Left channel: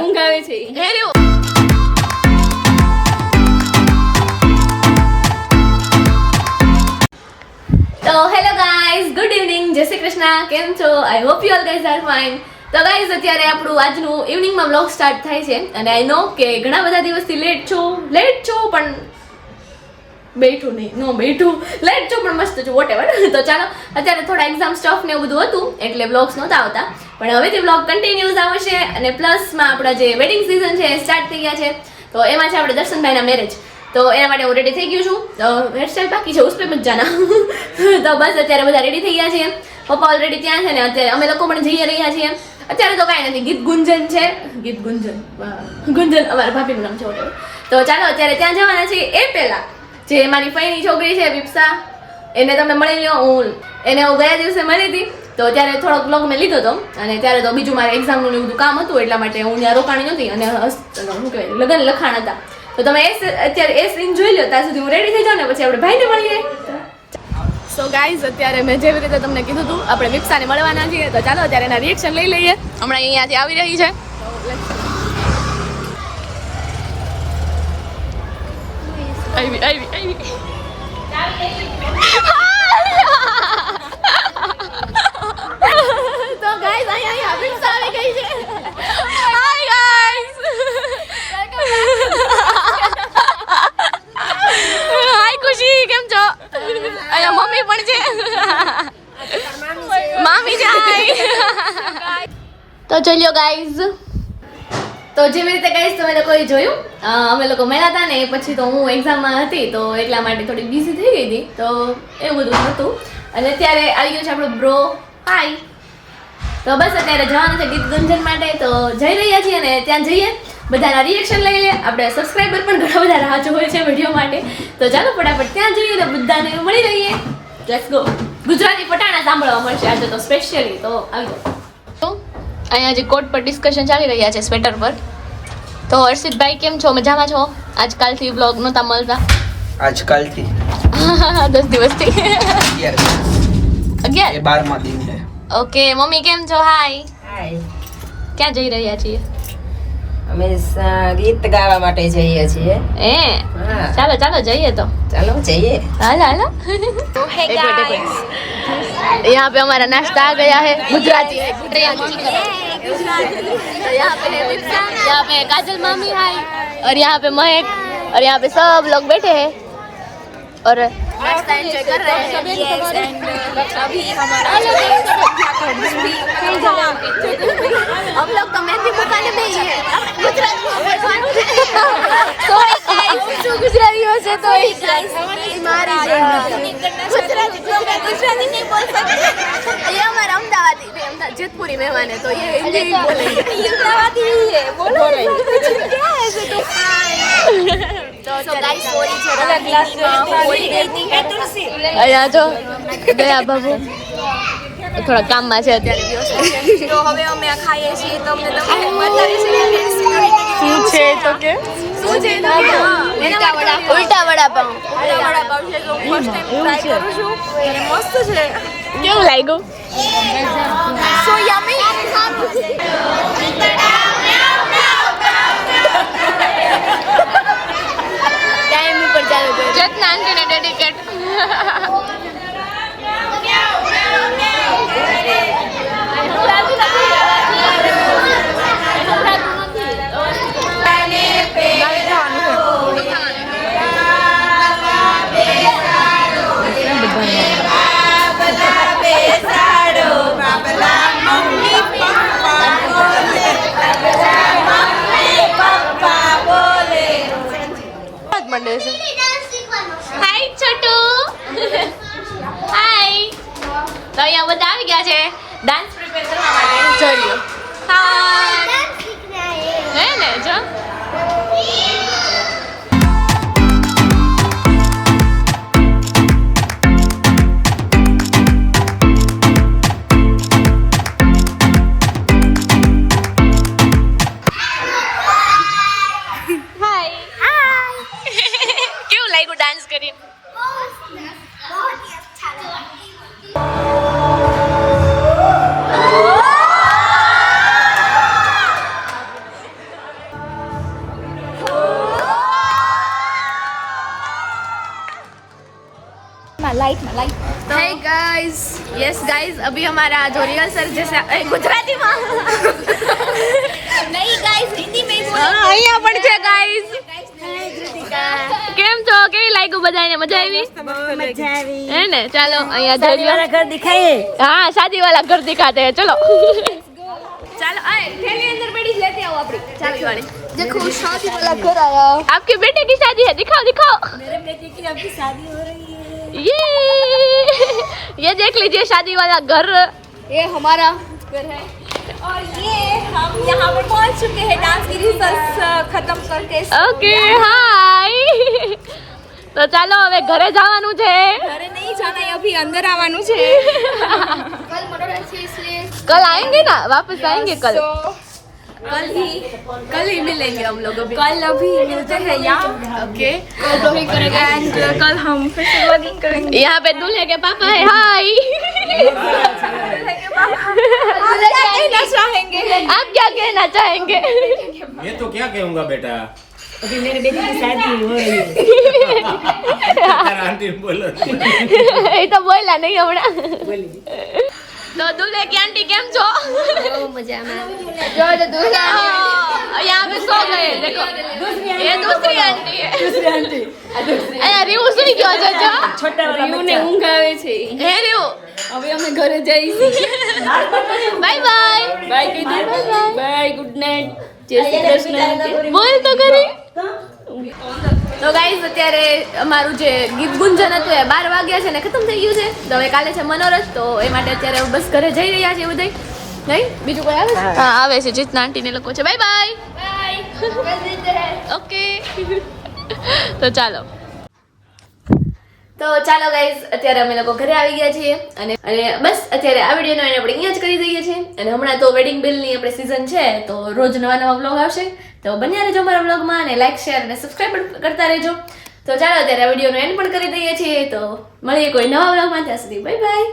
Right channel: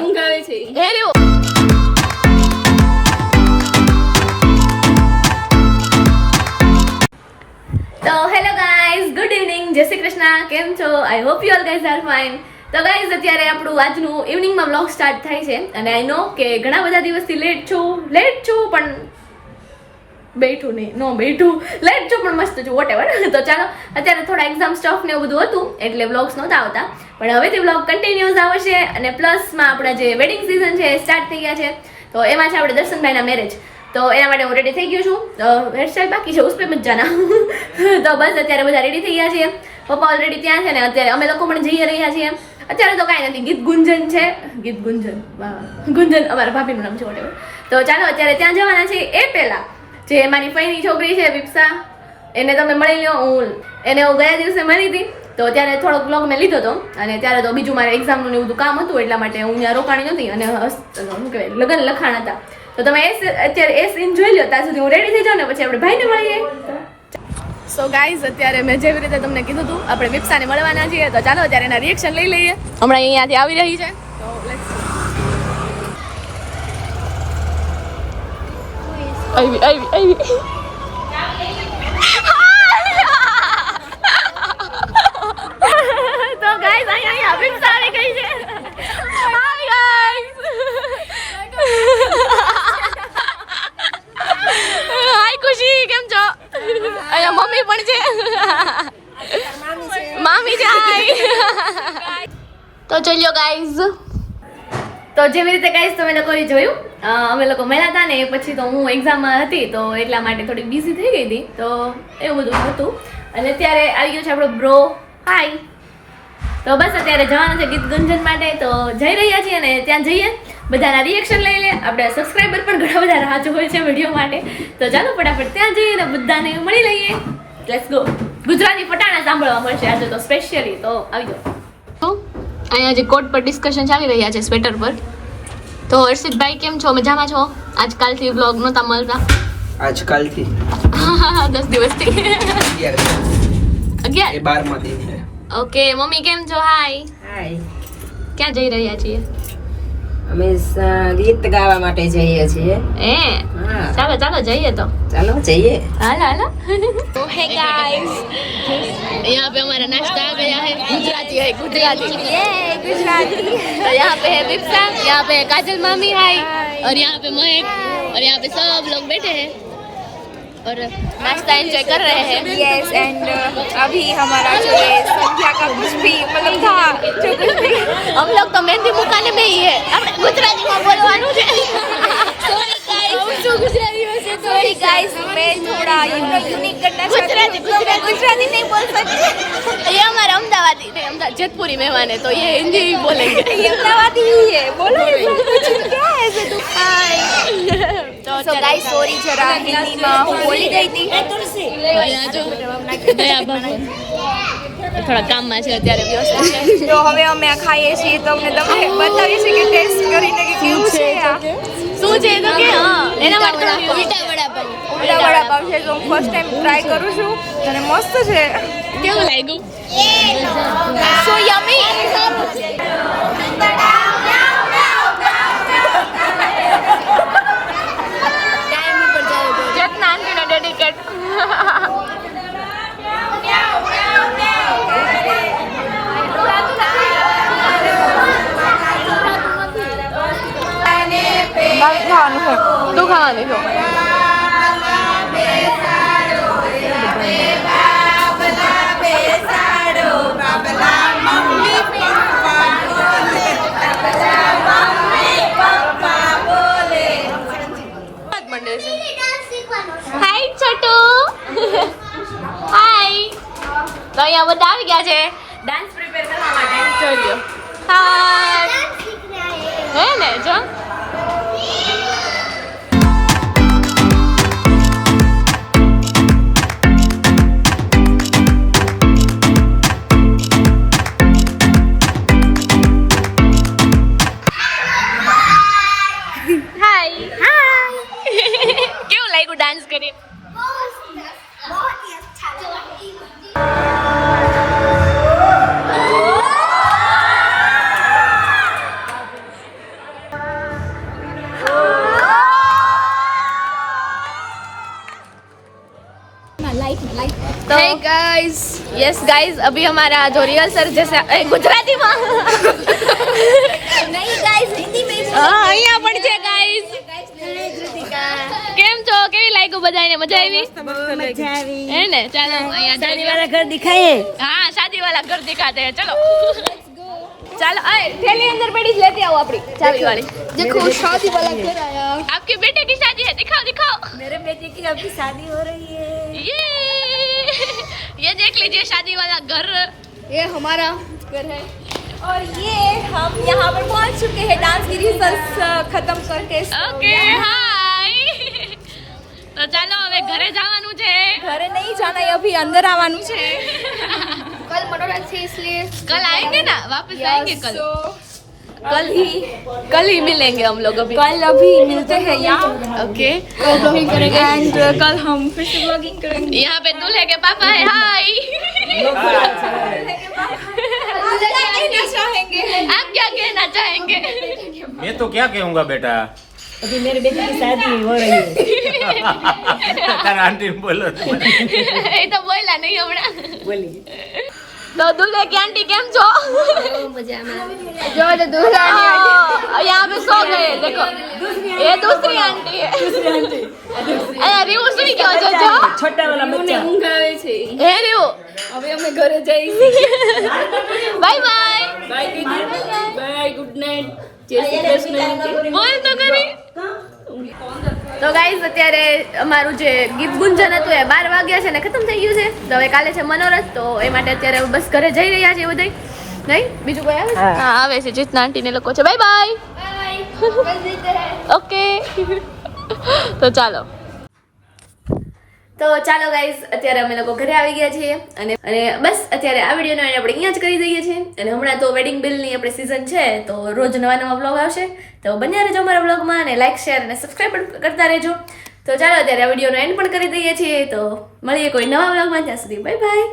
ધમકાવે છે તો hello guys, good evening, જય શ્રી કૃષ્ણ. કેમ છો? I hope you all guys are fine. તો ગાઈઝ અત્યારે આપણું આજનું ઇવનિંગમાં વ્લોગ સ્ટાર્ટ થાય છે અને આઈ નો કે ઘણા બધા દિવસથી લેટ છું પણ બેઠું નહીં લેટ છું પણ મસ્ત છું વોટ એવર. તો ચાલો અત્યારે થોડા એક્ઝામ સ્ટફ ને એવું બધું હતું એટલે વ્લોગ્સ નહોતા આવતા, પણ હવેથી વ્લોગ કન્ટિન્યુઅસ આવશે. અને પ્લસમાં આપણા જે વેડિંગ સિઝન છે એ સ્ટાર્ટ થઈ ગયા છે, તો એમાં છે આપણે દર્શનભાઈના મેરેજ. તો એના માટે હું રેડી થઈ ગયું છું. હેરસ્ટાઈલ બાકી છે, ઉસ પે મત જાના. તો બસ અત્યારે બધા રેડી થઈ ગયા છીએ. પપ્પા ઓલરેડી ત્યાં છે ને અત્યારે અમે લોકો પણ જઈ રહ્યા છીએ. અત્યારે તો કાંઈ નથી, ગીત ગુંજન છે. ગુંજન અમારા ભાભીનું નામ છે whatever. તો ચાલો અત્યારે ત્યાં જવાના છીએ. એ પહેલા જે મારી ફઈની છોકરી છે વિપ્સા, એને તમે મળી લો. હું એને ગયા દિવસે મળી હતી, તો ત્યારે થોડોક વ્લોગ મેં લીધો હતો અને ત્યારે તો બીજું મારે એક્ઝામનું ને બધું કામ હતું એટલા માટે હું ત્યાં રોકાણી નહોતી અને શું કહેવાય લગ્ન લખાણ હતા. તો તમે અત્યારે એ સીન જોઈ લો, ત્યાં સુધી હું રેડી થઈ જાઉં ને પછી આપણે ભાઈને મળીએ. સો ગાઈઝ અત્યારે મેં જેવી રીતે તમને કીધું હતું આપણે વિપ્સાને મળવાના છીએ, તો ચાલો અત્યારે એના રિએક્શન લઈ લઈએ. હમણાં અહીંયાથી આવી રહી છે, તો લેટ્સ ગો. આવી તો ગાઈઝ અહીંયા વિપ્સા આવી ગઈ છે. હાય ગાઈઝ, હાય ખુશી, કેમ છો? અહીંયા મમ્મી પણ છે, મામી છે. હાય. તો ચલ્યો ગાઈઝ, તો જેવી રીતે ગાઈઝ તમે લોકોએ જોયું અમે લોકો મળ્યા હતા ને પછી તો હું એક્ઝામમાં હતી તો એટલા માટે થોડી બિઝી થઈ ગઈ હતી, તો એવું બધું હતું. અને અત્યારે આવી ગયો છે આપણો બ્રો. હાય. તો બસ અત્યારે જવાનું છે ગીત ગુંજન માટે, તો જઈ રહ્યા છીએ અને ત્યાં જઈએ બધાના રિએક્શન લઈ લે. આપણે સબસ્ક્રાઈબર પણ ઘણા બધા રાહ જોવે છે વિડીયો માટે, તો ચાલો ફટાફટ ત્યાં જઈએ અને બધાને મળી લઈએ. Let's go. ગુજરાતી પટાણા સાંભળવા મળશે આજે તો સ્પેશિયલી, તો આવી જાઓ. અહીંયા જે કોટ પર ડિસ્કશન ચાલી રહ્યા છે સ્વેટર પર. તો હર્ષિતભાઈ કેમ છો? મજામાં છો? આજકાલથી બ્લોગ નહોતા મળતા. આજકાલથી 10 દિવસથી 11 એ 12મા દિન છે. ઓકે. મમ્મી કેમ છો? હાય. ક્યાં જઈ રહ્યા છીએ? અમે ગીત ગાવા માટે જઈએ છીએ. ચાલો ચાલો જઈએ. તો ચાલો જઈએ. હાલો હાલો. एक मिनट यहाँ पे हमारा नाश्ता आ गया है. गुजराती है, गुजराती. तो यहाँ पे है विप्सा, यहाँ पे है काजल मामी. हाय. और यहाँ पे महक और यहाँ पे सब लोग बैठे हैं और नाश्ता एंजॉय कर रहे हैं. यस एंड अभी हमारा जो है संध्या का कुछ भी मतलब था जो कुछ भी हम लोग तो मेहंदी मुकाने में ही है. આપણે ગુજરાતીમાં બોલવાનું છે. गुजरातियों से तो गाइस मैं थोड़ा यूनिक करना चाहती हूँ, तो मैं गुजराती नहीं बोल सकती. ये हमारा अहमदाबादी थे, जेतपुरी मेहमान है, तो ये हिंदी बोलेंगे. ये अमदावादी ही है, बोलो क्या है ऐसे तो. तो गाइस सॉरी जरा हिंदी में बोली गई थी. અહીંયા જો ગયા બાબુ થોડા કામમાં છે અત્યારે વ્યસ્ત છે. તો હવે અમે આ ખાઈએ છીએ તો અમને તમને બતાવીએ છીએ કે ટેસ્ટ કરીને કે કેવું છે. શું છે તો કે એના માટે ઉલટા વડાપાવ. ઉલટા વડાપાવ છે તો હું ફર્સ્ટ ટાઈમ ટ્રાય કરું છું અને મસ્ત છે. કેવું લાગ્યું? સો યમી. ટાઈમ ઉપર ચાલે છે. જતના આંટીને ડેડિકેટ. શું ખાવાનું છો? મંડે છે. હાય છોટુ. હાય. તો અહીંયા બધા આવી ગયા છે ડાન્સ પ્રિપેર કરવા માટે. જોઈ લ્યો. હાય. હે ને જો. કેવું લાગ્યું ડાન્સ કરી? तो hey guys, yes guys, अभी हमारा जो रिहर्सल जैसे गुजराती में नहीं गाइस हिंदी में हाँ અહીંયા પણ છે guys. કેમ છો? કેવી લાગ્યું બધાને? મજા આવી? મજા આવી હે ને? ચાલો અહીંયા જોઈ લો. ઘર દિખાઈએ हाँ शादी वाला घर दिखाते हैं, चलो. चलो आए थैली अंदर पड़ी लेते आओ अपनी चाबी वाली. देखो शादी वाला घर आया. आपके बेटे की शादी है, दिखाओ दिखाओ. मेरे बेटे की अभी शादी हो रही है ये देख लीजिए शादी वाला घर. ये हमारा घर है. और ये हम यहाँ पर पहुँच चुके हैं डांस की रिहर्सल खत्म करके. Okay hi. તો ચાલો હવે ઘરે જવાનું છે. ઘરે નહીં जाना है अभी अंदर आवानू છે. कल मनोरंजन से इसलिए कल आएंगे ना, वापस आएंगे कल. कल ही मिलेंगे हम लोग. कल अभी मिलते हैं यहाँ. ओके. एंड कल हम फिर से व्लॉगिंग करेंगे. यहाँ पे दूल्हे के पापा है. हाय. आप क्या कहना चाहेंगे? मैं तो क्या कहूँगा बेटा. अभी मेरे बेटे की शादी हो रही है आंटी बोलो. એ તો બોલ્યા નહીં હમણાં. बोलिए તો દુલ્હે की आंटी કેમ છો? यहाँ पे सो गए. देखो ये दूसरी आंटी है. अरे રીવું સુઈ ગયો છે જો. રીવુને ઊંઘ આવે છે. હે રીવું હવે અમે ઘરે જઈશું. Bye bye. બાય કહી દે. Bye good night. જય શ્રી કૃષ્ણ. બોલ તો કરી. તો ગાઈઝ અત્યારે અમારું જે ગીત ગુંજન હતું એ 12 વાગ્યા છે ને ખતમ થઈ ગયું છે. તો હવે કાલે છે મનોરથ, તો એ માટે અત્યારે બસ ઘરે જઈ રહ્યા છે બધા. નહીં બીજું કોઈ આવે? હા આવે છે. જીતના આંટી ને લોકો છે. Bye bye. ઓકે. તો ચાલો ગાઈઝ અત્યારે અમે લોકો ઘરે આવી ગયા છીએ અને બસ અત્યારે આ વિડીયોનો આપણે અહીંયા જ કરી દઈએ છીએ. અને હમણાં તો વેડિંગ બિલની આપણે સિઝન છે, તો રોજ નવા વ્લોગ આવશે. તો બન્યા રહેજો અમારા વ્લોગમાં અને લાઈક શેર અને સબસ્ક્રાઈબ કરતા રહેજો. તો ચાલો અત્યારે આ વિડીયોનો એન્ડ પણ કરી દઈએ છીએ. તો મળીએ કોઈ નવા વ્લોગમાં. ત્યાં સુધી બાય બાય.